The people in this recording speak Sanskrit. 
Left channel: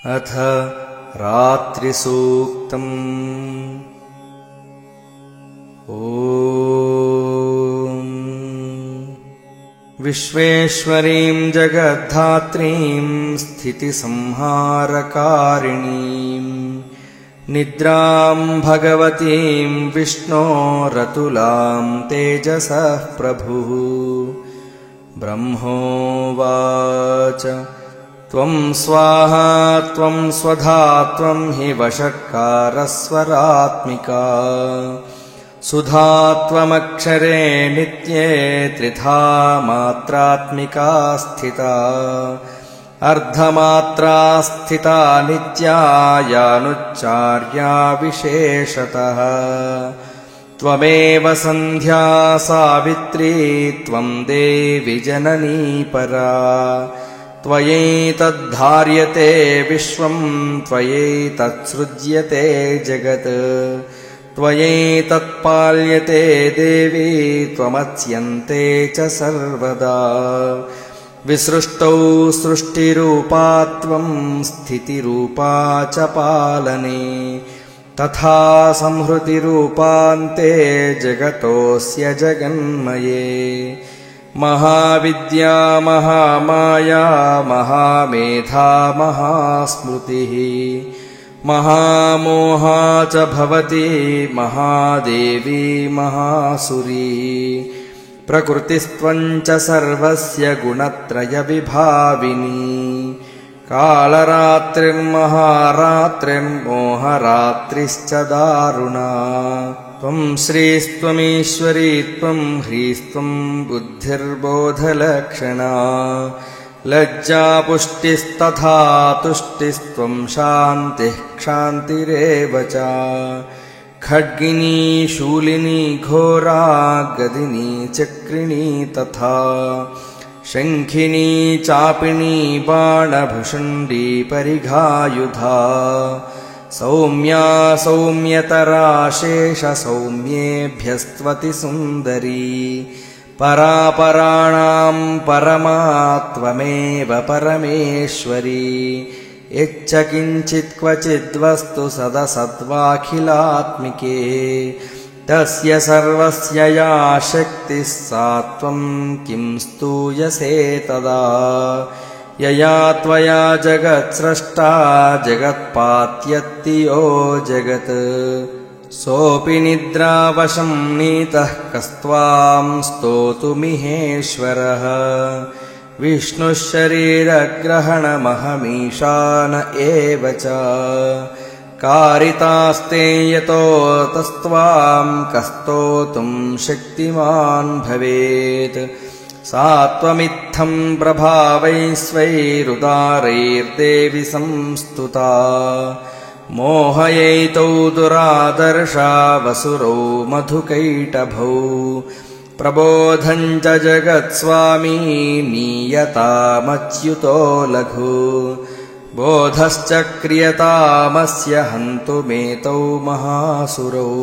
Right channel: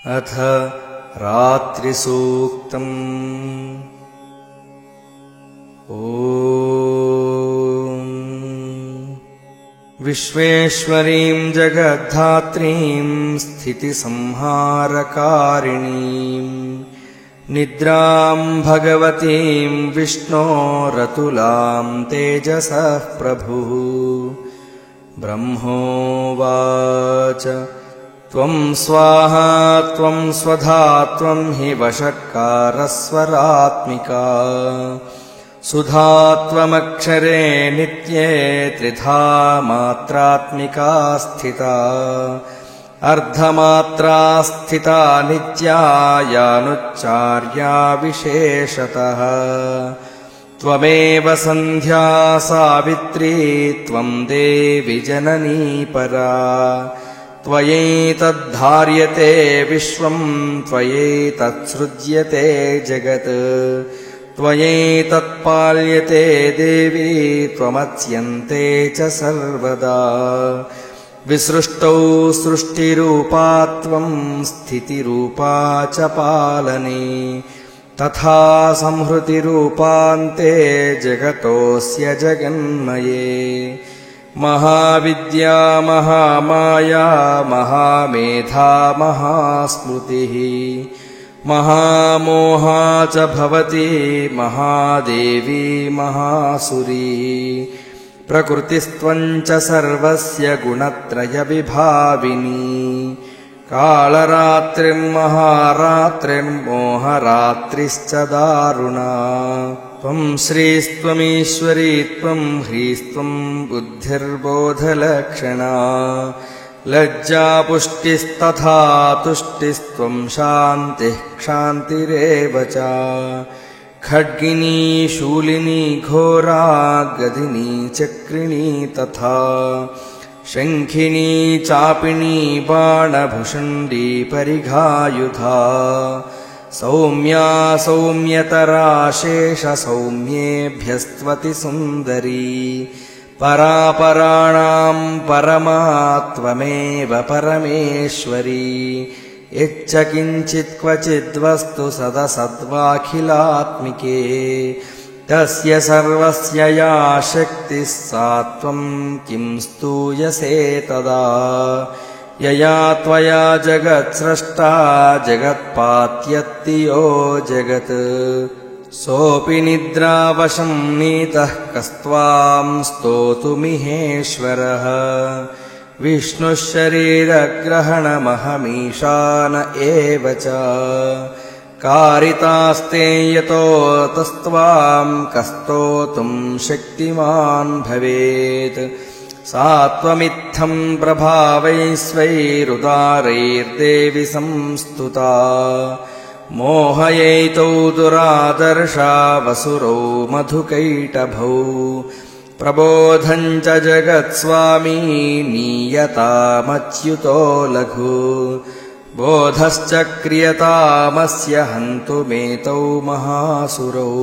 अथ रात्रिसूक्तम्। ॐ विश्वेश्वरीं जगद्धात्रीं स्थितिसंहारकारिणीं निद्रां भगवतीं विष्णोरतुलां तेजसः प्रभुः। ब्रह्मोवाच त्वं स्वाहा त्वं स्वधा त्वं हि वषट्कारस्वरात्मिका सुधा त्वमक्षरे नित्ये त्रिधा मात्रात्मिका स्थिता अर्धमात्रा स्थिता नित्या यानुच्चार्या विशेषतः। त्वमेव सन्ध्या सावित्री त्वं देवि जननी परा त्वयैतद्धार्यते विश्वं त्वयैतत्सृज्यते जगत् त्वयैतत्पाल्यते देवी त्वमत्स्यन्ते च सर्वदा। विसृष्टौ सृष्टिरूपा त्वं स्थितिरूपा च पालने तथा संहृतिरूपान्ते जगतोऽस्य जगन्मये। महाविद्या महामाया महामेधा महास्मृतिः महामोहा च भवति महादेवी महासुरी। प्रकृतिस्त्वं च सर्वस्य गुणत्रयविभाविनी कालरात्रिर्महारात्रिर्मोहरात्रिश्च दारुणा। त्वं श्रीस्त्वमीश्वरी त्वं ह्रीस्त्वं बुद्धिर्बोधलक्षणा लज्जा पुष्टिस्तथा तुष्टिस्त्वं शान्तिः क्षान्तिरेव च। खड्गिनी शूलिनी घोरा गदिनी चक्रिणी तथा शङ्खिनी चापिनी बाणभुषुण्डी परिघायुधा। सौम्या सौम्यतरा शेष सौम्येभ्यस्त्वति सुन्दरी परापराणां परमा त्वमेव परमेश्वरी। यच्च किञ्चित् क्वचिद्वस्तु सदसद्वाखिलात्मिके तस्य सर्वस्य या शक्तिः सा त्वं किं स्तूयसे तदा। यया त्वया जगत्स्रष्टा जगत्पात्यत्ति यो जगत् सोऽपि निद्रावशं नीतः कस्त्वां स्तोतुमिहेश्वरः। विष्णुः शरीरग्रहणमहमीशान एव च कारितास्ते यतो तस्त्वां कस्तोतुं शक्तिमान् भवेत्। सा त्वमित्थं प्रभावैस्वैरुदारैर्देवि संस्तुता मोहयैतौ दुरादर्शा वसुरौ मधुकैटभौ। प्रबोधं च जगत्स्वामी नीयतामच्युतो लघु बोधश्च क्रियतामस्य हन्तुमेतौ महासुरौ।